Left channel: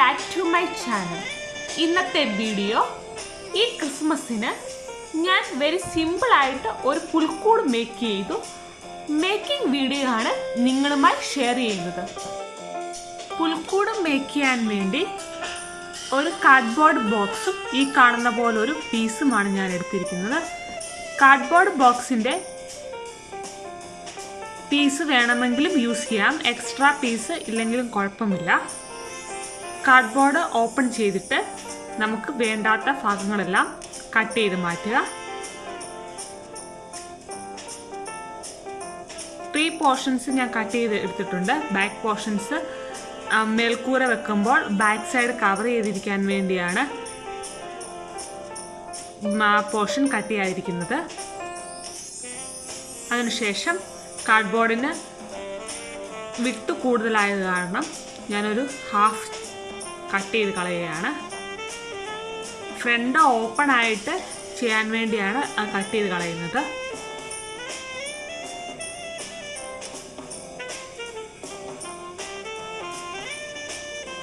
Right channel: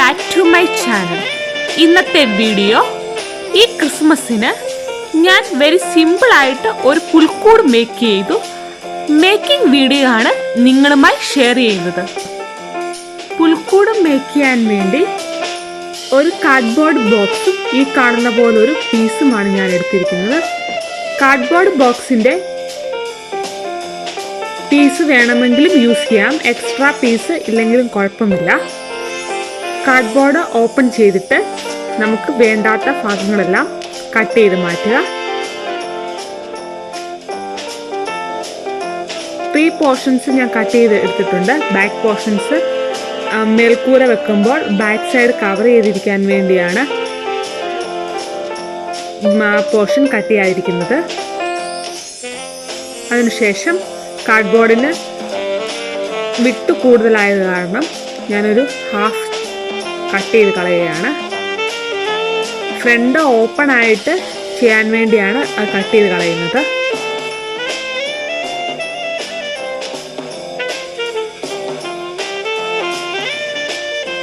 Back to my channel. ഇന്നത്തെ video ഈ ക്രിസ്മസിന് ഞാൻ വെരി സിമ്പിളായിട്ട് ഒരു പുൽക്കൂട് മേക്ക് ചെയ്തു. മേക്കിംഗ് വീഡിയോ ആണ് നിങ്ങളുമായി ഷെയർ ചെയ്യുന്നത്. പുൽക്കൂട് മേക്ക് ചെയ്യാൻ വേണ്ടി ഒരു കാർഡ്ബോർഡ് ബോക്സും ഈ കാണുന്ന പോലെ ഒരു പീസുമാണ് ഞാൻ എടുത്തിരിക്കുന്നത്. കാർഡ്ബോർഡ് ബോക്സിൻ്റെ പീസ് വേണമെങ്കിലും യൂസ് ചെയ്യാം, എക്സ്ട്രാ പീസ് ഇല്ലെങ്കിലും കുഴപ്പമില്ല. കാർഡ്ബോർഡ് ഓപ്പൺ ചെയ്തിട്ട് നമുക്ക് വേണ്ടാത്ത ഭാഗങ്ങളെല്ലാം കട്ട് ചെയ്ത് മാറ്റുക. 3 പോർഷൻസ് ഞാൻ കട്ട് ചെയ്ത് എടുത്തിട്ടുണ്ട്. ബാക്ക് പോർഷൻസ് മേൽക്കൂര വെക്കുമ്പോൾ ബാക്ക് സൈഡ് കവർ ചെയ്തിരിക്കാൻ വേണ്ടിയാണ് പോർഷൻ കട്ട് ചെയ്യാതിരിക്കുന്നത്. അതിനുശേഷം കാർഡ്ബോർഡിന് വിട്ട് കൂടുതലായത് കാരണം ഞാനൊരു ഹാഫ് കട്ട് ചെയ്ത് കളയുകയാണ്. ഫ്രണ്ട് ഓപ്പൺ ആയിട്ട് ചെയ്യാൻ വേണ്ടിയാണ് അത് കട്ട് ചെയ്ത് കളയുന്നത്.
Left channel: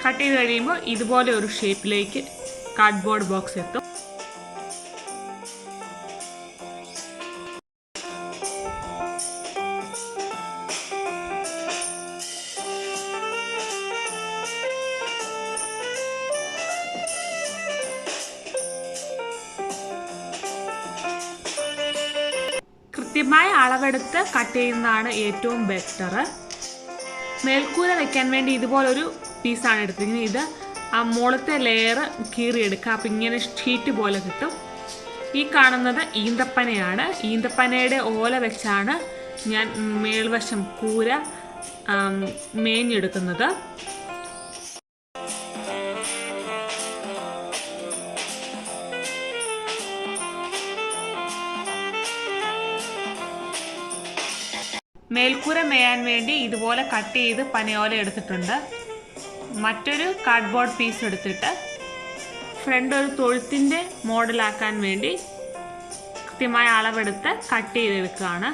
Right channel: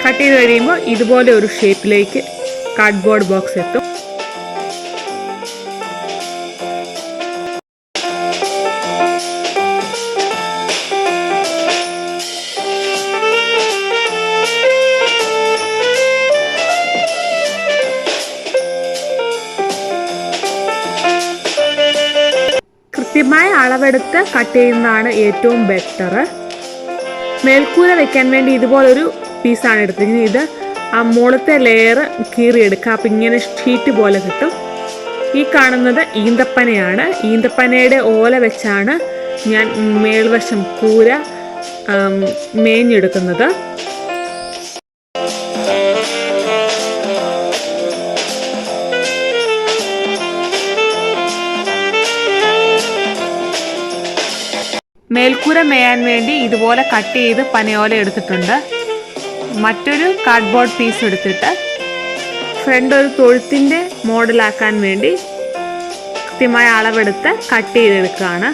കട്ട് ചെയ്ത് കഴിയുമ്പോൾ ഇതുപോലെ ഒരു ഷേപ്പിലേക്ക് കാർഡ്ബോർഡ് ബോക്സ് എത്തും. കൃത്യമായ അളവെടുത്ത് കട്ട് ചെയ്യുന്നതാണ് ഏറ്റവും ബെറ്റർ. മേൽക്കൂര വെക്കാൻ വേണ്ടി ഇതുപോലൊരു പീസാണ് എടുത്തിരിക്കുന്നത്. ഇത് ആ മുകളത്തെ ലെയർ കീറിയെടുക്കുക. അപ്പം ഇങ്ങനെ ഷീറ്റ് പോലെ കിട്ടും. ഈ കാണുന്നത് ഈന്തപ്പനയാണ്. ഈന്തപ്പനയുടെ ഓല വെച്ചാണ് ഞാൻ മേൽവശം കൂര മേഞ്ഞെടുക്കുന്നത്. മേൽക്കൂര മേയാൻ വേണ്ടി ഇതുപോലെ കട്ട് ചെയ്ത് പനയോല എടുത്തിട്ടുണ്ട്. മറ്റൊരു കാർഡ്ബോർഡ് പീസ് എടുത്തിട്ട് ഫ്രണ്ട് ഒരു തൊഴുത്തിൻ്റെ മോഡലാക്കാൻ വേണ്ടി കൃത്യമായ അളവെടുത്ത് കട്ട് ചെയ്തെടുക്കുകയാണ്.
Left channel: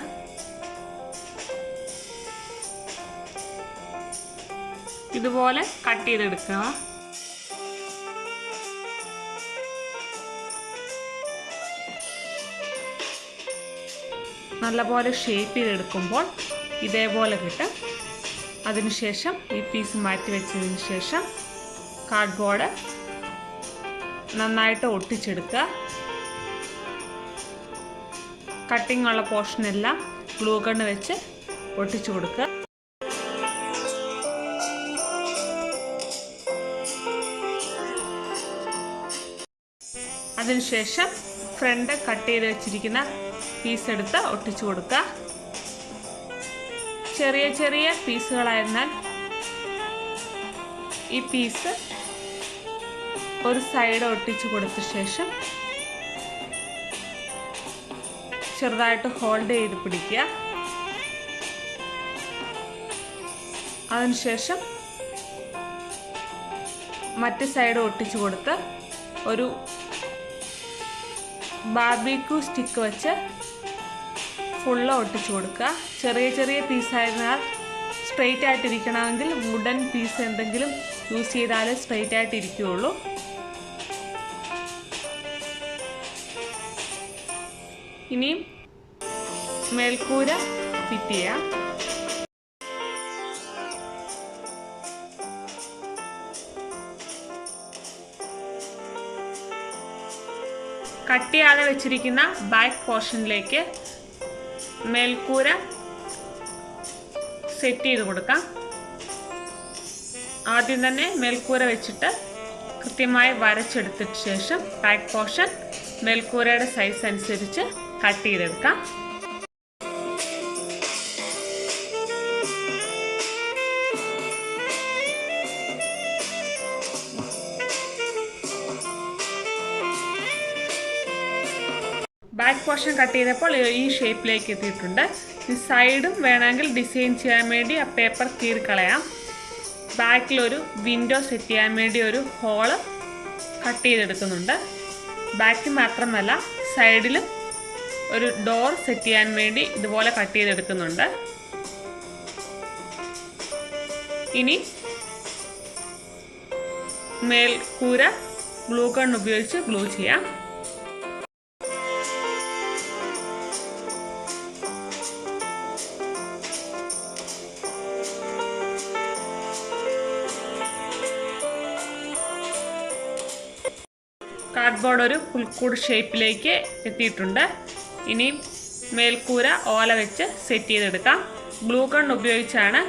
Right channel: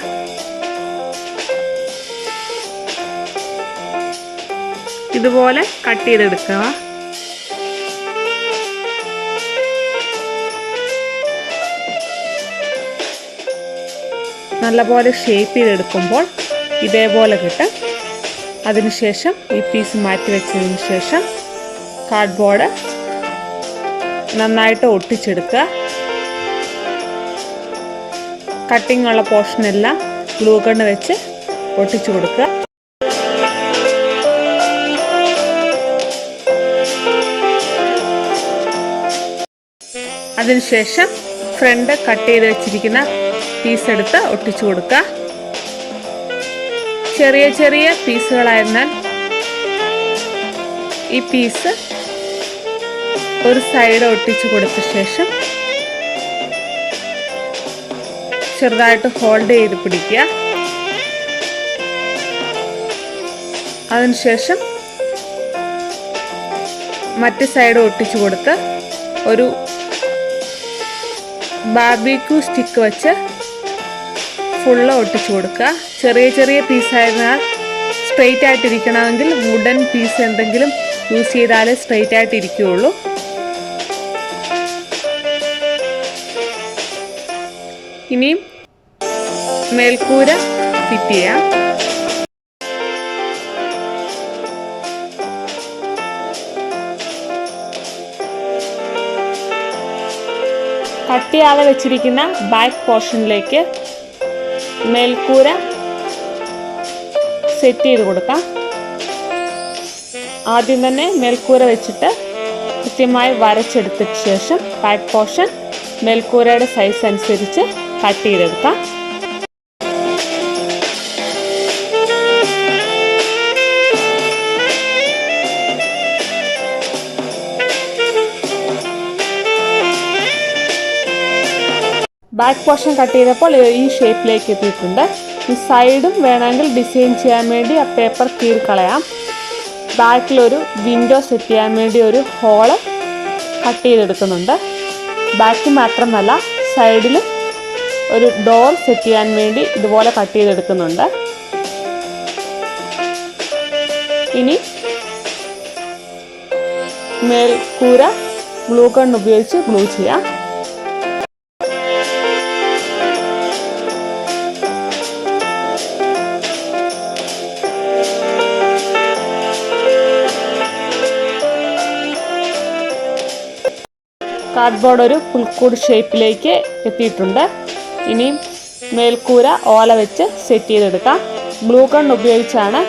ഇതുപോലെ കട്ട് ചെയ്തെടുക്കുക. നല്ലപോലെ ഷേപ്പ് ചെയ്തെടുക്കുമ്പോൾ ഇതേപോലെ കിട്ടും. അതിനുശേഷം ഈ പീസ് മാറ്റി വെച്ചതിന് ശേഷം കാർഡ്ബോർഡ് നന്നായിട്ട് ഒട്ടിച്ചെടുക്കുക. കട്ടിംഗ് ഉള്ള പോർഷനെല്ലാം ഗ്ലൂ ഗൺ വെച്ച് ഒട്ടിച്ചു കൊടുക്കുക. അതിനുശേഷം ഫ്രണ്ട് കട്ട് ചെയ്ത് വെച്ചിരിക്കുന്ന പീസ് എടുത്ത് ഒട്ടിച്ചു കൊടുക്കുക. ചെറിയ ചെറിയ പീസുകളായിരുന്നാൽ ഈ പീസ് ഒരു സൈഡ് ഒട്ടിച്ചു കൊടുത്ത ശേഷം ചെറുതായിട്ട് ഹോൾഡ് ചെയ്ത് പിടിക്കുക. അതിനുശേഷം മറ്റു സൈഡ് ഒട്ടിച്ചു കൊടുത്ത് ഒരു ബാർബിക്യൂ സ്റ്റിക്ക് വെച്ച് ഫുള്ള് ഒട്ടിച്ചു കൊടുക്കുക. ചെറിയ ചെറിയ പീസായിരുന്നാൽ സ്ട്രെയിറ്റ് ആയിട്ടിരിക്കണമെങ്കിൽ വുഡൻ പീസ് എന്തെങ്കിലും യൂസ് ചെയ്താലേ സ്ട്രെയിറ്റ് ആയിട്ടിരിക്കുകയുള്ളൂ. ഇനിയും മേൽക്കൂര ഫിറ്റ് ചെയ്യാം. കട്ട് ചെയ്യാതെ വെച്ചിരിക്കുന്ന ബാക്ക് പോർഷനിലേക്ക് മേൽക്കൂര സെറ്റ് ചെയ്ത് കൊടുക്കാം. ആദ്യം തന്നെ മേൽക്കൂര വെച്ചിട്ട് കൃത്യമായി വരച്ചെടുത്തതിന് ശേഷം ബാക്ക് പോർഷൻ മേൽക്കൂരയുടെ സൈസ് അനുസരിച്ച് കട്ട് ചെയ്തെടുക്കാം. ബാക്ക് പോർഷൻ കട്ട് ചെയ്തപ്പോൾ ഈ ഷേപ്പിലേക്ക് എത്തിയിട്ടുണ്ട്. ഈ സൈഡും വേണമെങ്കിൽ ഡിസൈൻ ചെയ്യാൻ വേണ്ടി ആ പേപ്പർ കീറിക്കളയാം. ബാക്കിലൊരു വിൻഡോ സെറ്റ് ചെയ്യാൻ വേണ്ടി ഒരു ഹോള് കട്ട് ചെയ്തെടുക്കുന്നുണ്ട്. ബാക്ക് മാത്രമല്ല സൈഡിലും ഒരു ഡോർ സെറ്റ് ചെയ്യാൻ വേണ്ടി ഇതുപോലെ കട്ട് ചെയ്തെടുക്കുന്നുണ്ട്. ഇനി മേൽക്കൂര ഗ്ലൂ ഗൺ ഉപയോഗിച്ച് ഗ്ലൂ ചെയ്യാം. കാർഡ്ബോർഡ് ഒരു പുൽക്കൂട് ഷേപ്പിലേക്ക് എത്തിയിട്ടുണ്ട്. ഇനിയും മേൽക്കൂര ഓല വെച്ച് സെറ്റ് ചെയ്തെടുക്കാം. ഗ്ലൂ ഗൺ ഉപയോഗിച്ചാണ്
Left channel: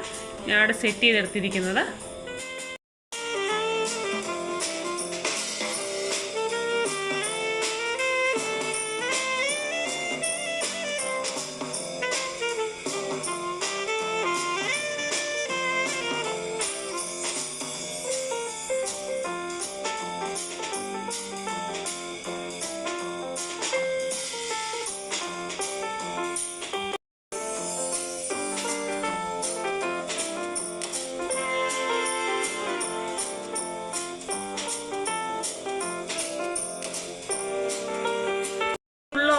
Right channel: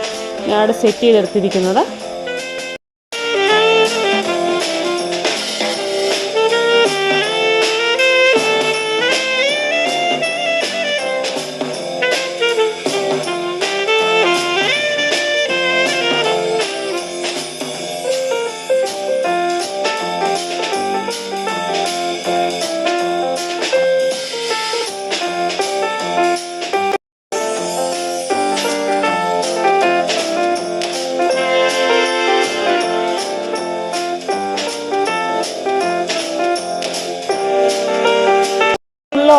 ഞാനിവിടെ സെറ്റ് ചെയ്തെടുത്തിരിക്കുന്നത്.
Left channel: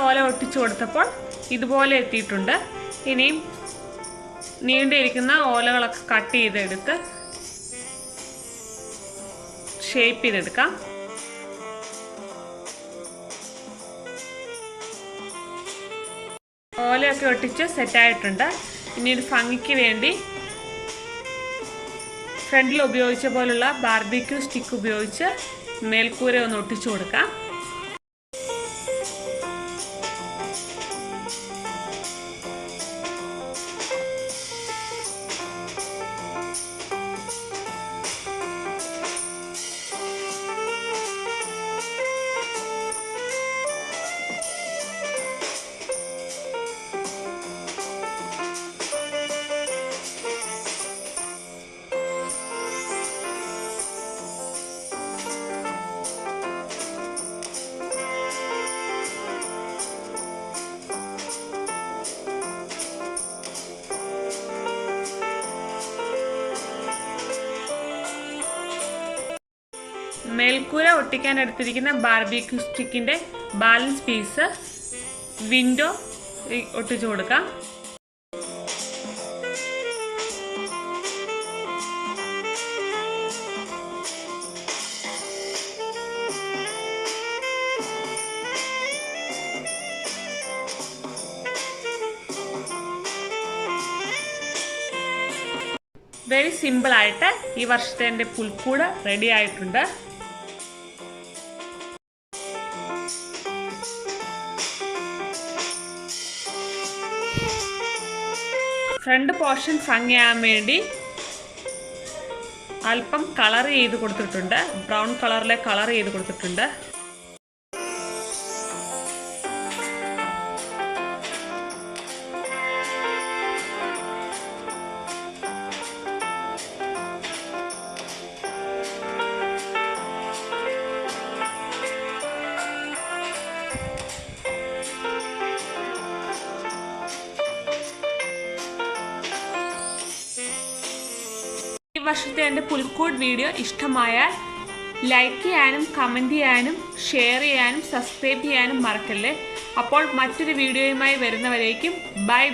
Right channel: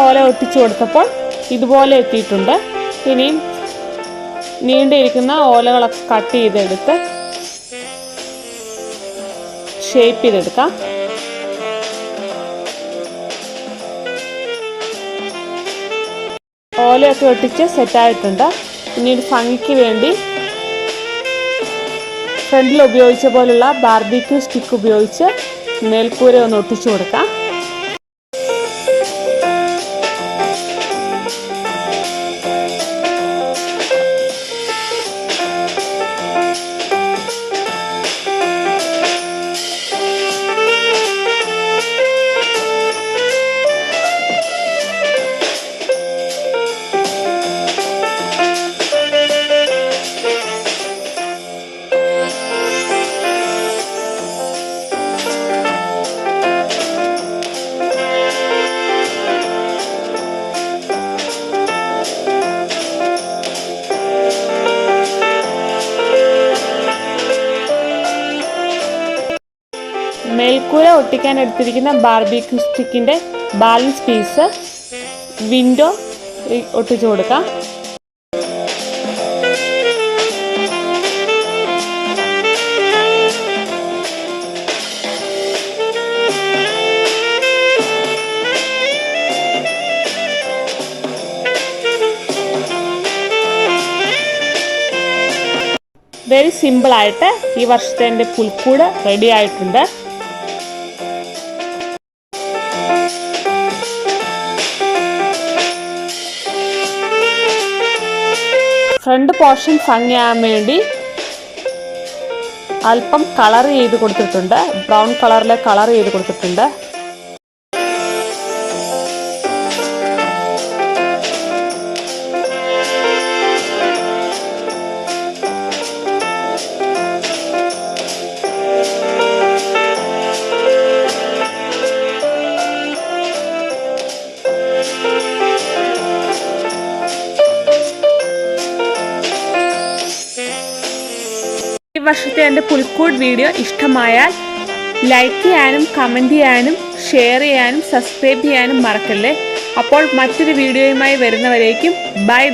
ഓല ഒട്ടിച്ചു കൊടുത്തപ്പോൾ ഇതുപോലെ എത്തിയിട്ടുണ്ട്. ഇനിയും നീണ്ടിരിക്കുന്ന ഓലകളൊക്കെ കട്ട് ചെയ്തെടുത്ത് ഷേപ്പ് ചെയ്തെടുക്കാം. ഓലയൊക്കെ ഒട്ടിച്ച് സെറ്റായിട്ടുണ്ട്. പിന്നീട് ഭംഗിക്ക് വേണ്ടി ഫ്രണ്ടിൽ ഉപയോഗിച്ച പോലുള്ള ബാർബിക്യൂ സ്റ്റിക്ക് ഉപയോഗിച്ച് മേൽക്കൂര ഒന്ന് ഒട്ടിച്ചു കൊടുക്കാം. മേൽക്കൂര ഒട്ടിക്കാൻ എടുത്തിരിക്കുന്ന ബാർബിക്യൂ സ്റ്റിക്കിൻ്റെ ബാലൻസ് പീസ് വിൻഡോ ഒട്ടിച്ചു കൊടുക്കാം. വെരി സിമ്പിളായിട്ട് ഈ വർഷത്തെ എൻ്റെ പുൽക്കൂട് റെഡി ആയിട്ടുണ്ട്. ഫ്രണ്ട് പോർഷൻ ഭംഗിയാകാൻ വേണ്ടി അല്പം കളർ ചെയ്ത് കൊടുത്തിട്ടുണ്ട്. ബ്രൗൺ കളറിലെ കളർ ചെയ്ത് കൊടുത്തിട്ടുണ്ട്. ഈ വർഷത്തെ എൻ്റെ പുൽക്കൂട് വീഡിയോ ഇഷ്ടമായാൽ ലൈക്ക് ചെയ്യാനും കമൻറ്റ് ചെയ്യാനും ഷെയർ ചെയ്യാനും സബ്സ്ക്രൈബ് ചെയ്യാനും മറക്കല്ലേ. അപ്പോൾ മറ്റൊരു വീഡിയോയുമായി വരുന്നവരേക്കും ബൈ.